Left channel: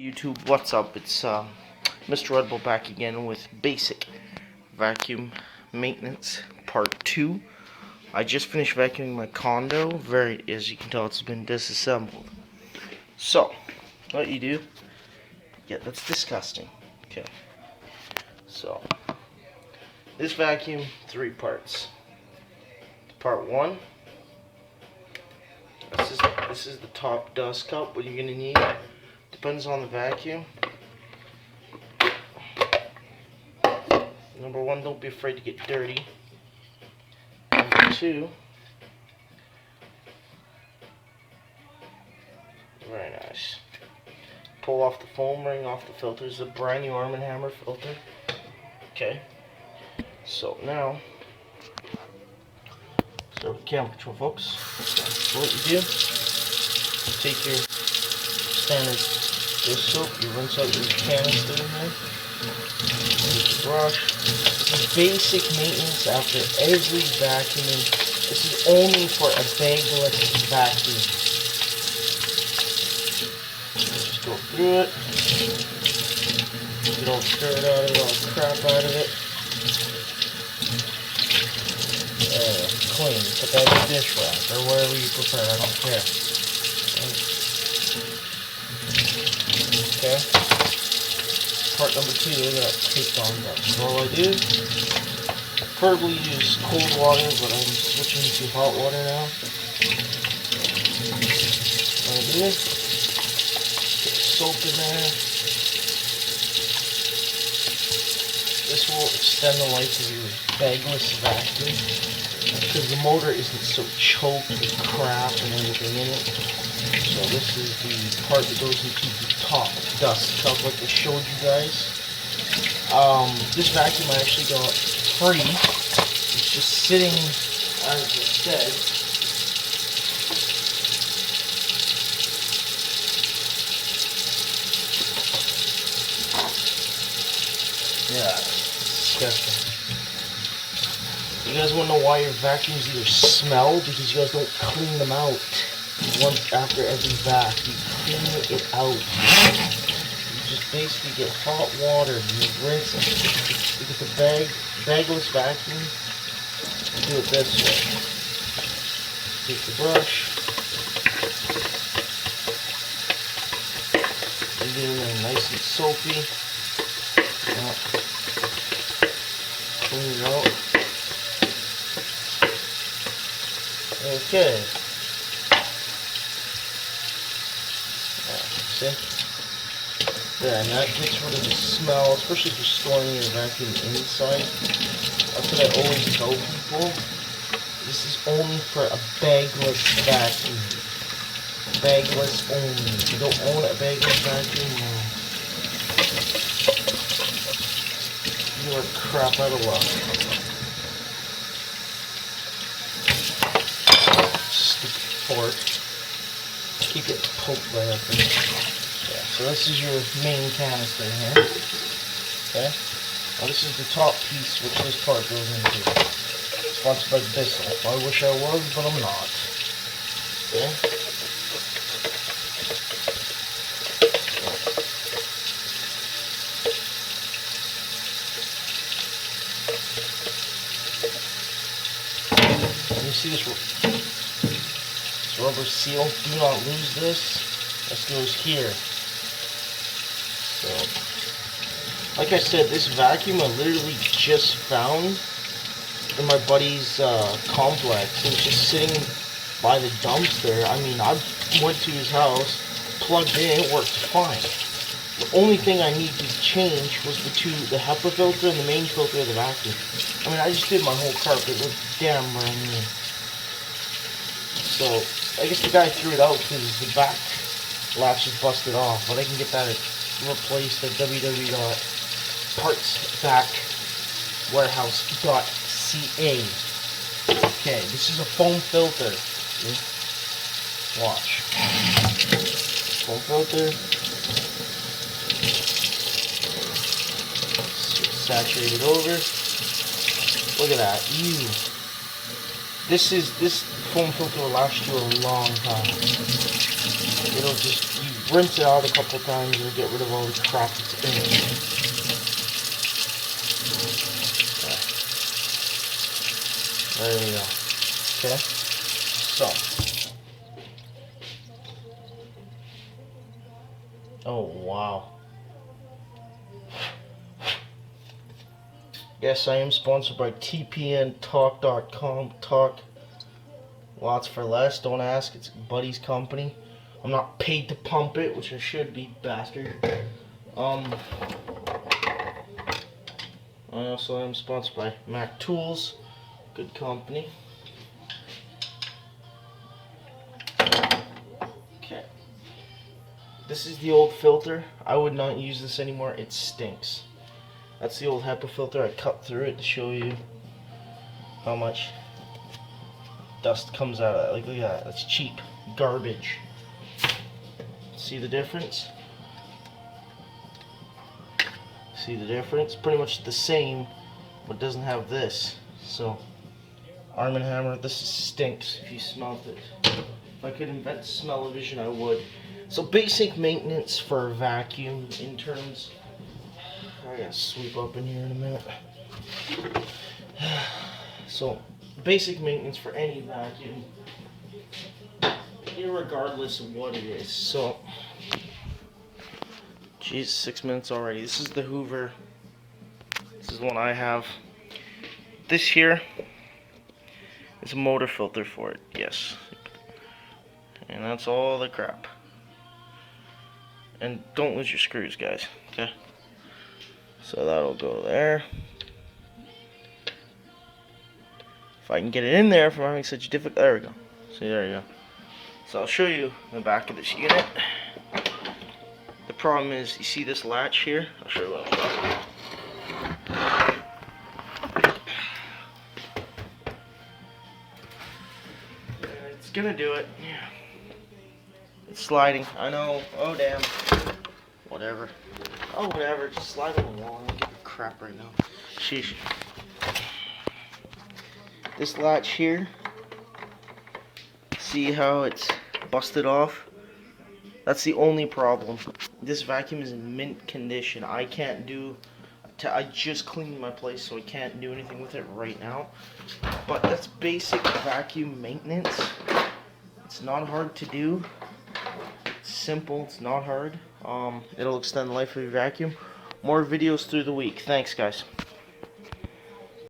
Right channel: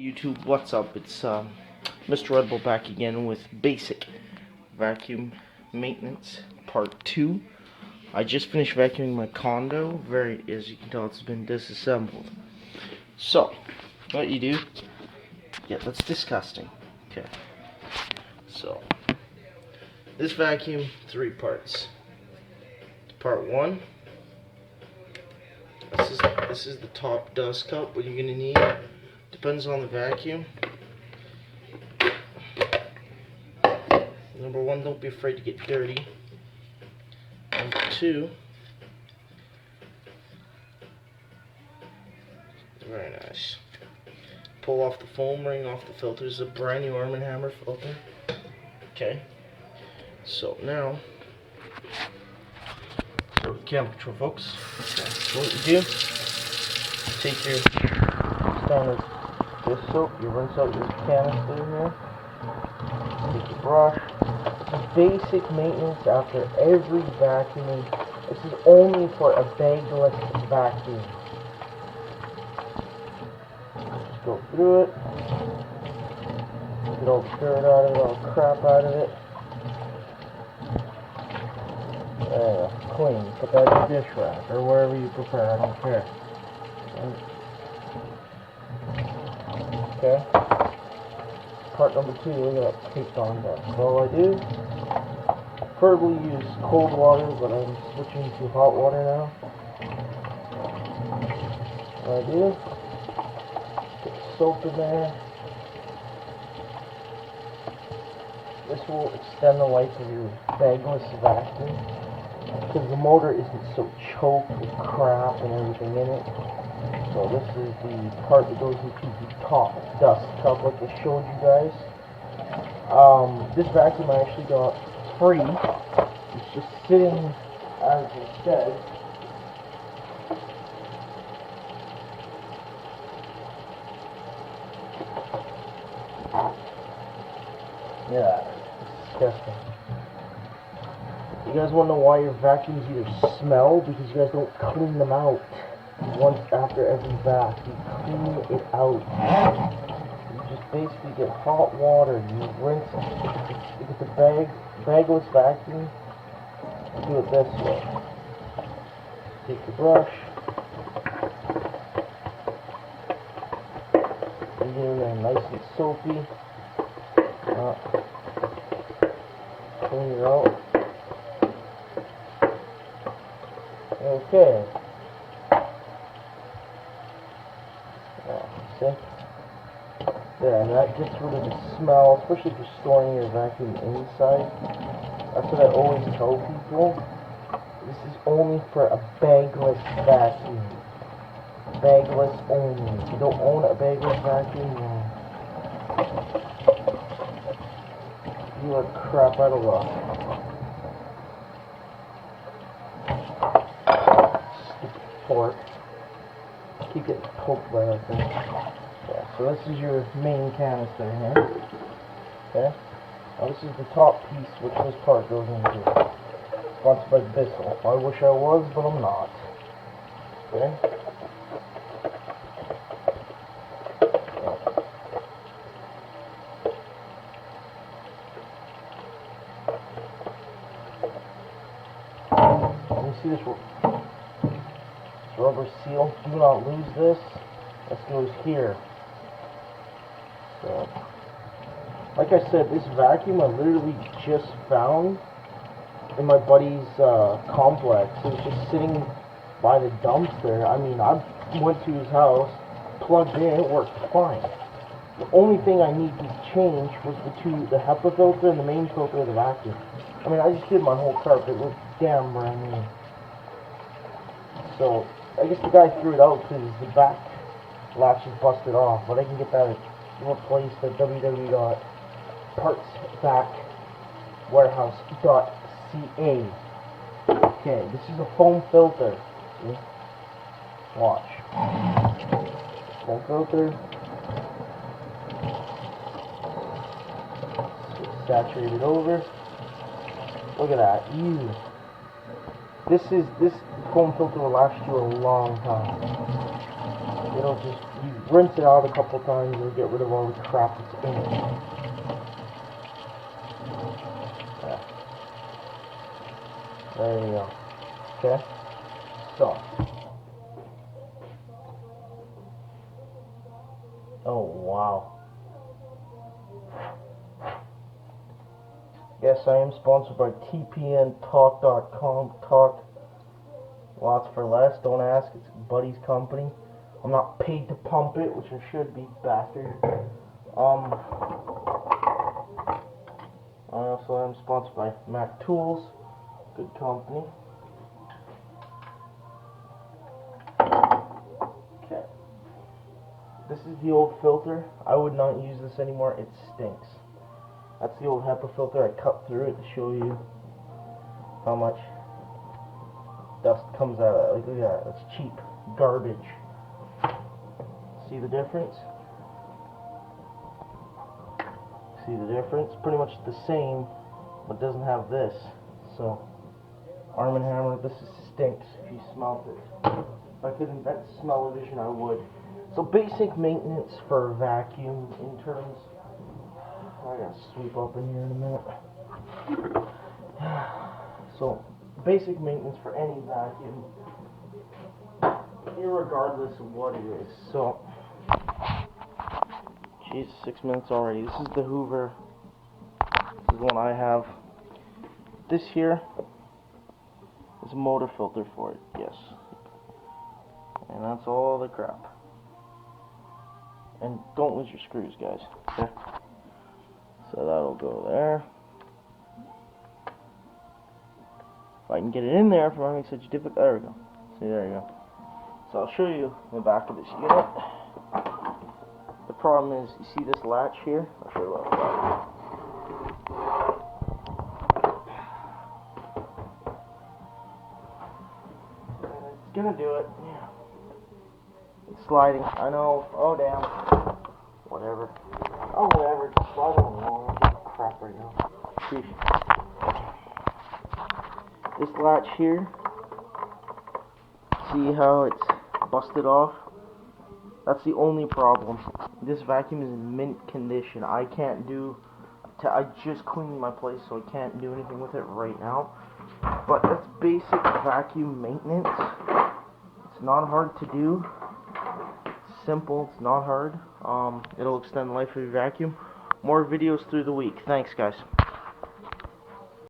YouTube, what's up? It's Mr. Red Bull back again with basic vacuum maintenance part 2. I just finished vacuuming my condo. As you can tell, it's been disassembled. So, what you do? Yeah, that's disgusting. Okay. So, this vacuum, 3 parts. Part 1. This is the top dust cup. What you're gonna need. Depends on the vacuum. Number 1, don't be afraid to get dirty. Number 2, very nice. Pull off the foam ring off the filter. This is a brand new Arm & Hammer filter. Okay. So now, camera control, folks. So what you do? Take your standard dish soap. You rinse out your canister in there. Take your brush. Basic maintenance after every vacuuming. This is only for a bagless vacuum. Just go through it. Get all the dirt out of it, all the crap out of it. There, clean. Put that in the dish rack or wherever you prefer. I don't care. Okay. Part number 2, look at that taped on dust. So all I do, preferably use cold water, but I'm switching to hot water now. All I do, get soap in there. This will extend the life of your bagless vacuum because the motor isn't so choked with crap and everything in it. So this is the part that goes into the top dust cup like I showed you guys. This vacuum I actually got free. It's just sitting as it said. Yeah, it's disgusting. You guys want to know why your vacuums either smell? Because you guys don't clean them out. Once after every vac, you clean it out. You just basically get hot water, you rinse it. You get the bagless vacuum, and do it this way. Take the brush, you get it in there nice and soapy. Clean it out. Okay. See? There, and that gets rid of the smell, especially if you're storing your vacuum inside. That's what I always tell people. This is only for a bagless vacuum. Bagless only. If you don't own a bagless vacuum, you are crap out of luck. Stupid fork. Keep getting poked by that thing. Yeah, so this is your main canister here. Okay. Now this is the top piece which this part goes into. Sponsored by Bissell. I wish I was, but I'm not. Okay. And you see this rubber seal, do not lose this. This goes here. So, like I said, this vacuum I literally just found in my buddy's complex. It was just sitting by the dumpster. I mean, I went to his house, plugged in, it worked fine. The only thing I need to change was the HEPA filter and the main filter of the vacuum. I mean, I just did my whole carpet. It looked damn brand new. So, I guess the guy threw it out because the back latch is busted off, but I can get that replaced at www.partsvacwarehouse.ca. Okay, this is a foam filter. See? Watch. Foam filter. Saturate it over. Look at that. Ew. This foam filter will last you a long time. It'll just rinse it out a couple times and get rid of all the crap that's in it. Yeah. There you go. Okay, so. Oh, wow. Yes, I am sponsored by TPNTalk.com. Talk lots for less. Don't ask. It's Buddy's company. I'm not paid to pump it, which I should be, bastard. I also am sponsored by Mac Tools. Good company. Okay. This is the old filter. I would not use this anymore. It stinks. That's the old HEPA filter. I cut through it to show you how much dust comes out of it. Like, look at that. That's cheap garbage. See the difference? See the difference? Pretty much the same, but doesn't have this. So, Arm & Hammer, this stinks if you smelled it. If I could invent smell-o-vision, I would. So, basic maintenance for a vacuum in terms... I gotta sweep up in here in a minute. So, basic maintenance for any vacuum, irregardless of what it is. So, geez, 6 minutes already. This is the Hoover. This is the one I have. This here is a motor filter for it, yes. And that's all the crap. And don't lose your screws, guys, okay? So that'll go there. If I can get it in there for having such difficult, there we go. See, there you go. So I'll show you the back of this unit. The problem is, you see this latch here? I'll show you what it's got. And it's gonna do it. Yeah. It's sliding. I know. Oh damn. Whatever. Oh whatever. Just slide it along. I give a crap right now. Sheesh. This latch here. See how it's busted off? That's the only problem. This vacuum is in mint condition. I can't do... I just cleaned my place, so I can't do anything with it right now. But that's basic vacuum maintenance. It's not hard to do. It's simple. It's not hard. It'll extend the life of your vacuum. More videos through the week. Thanks, guys.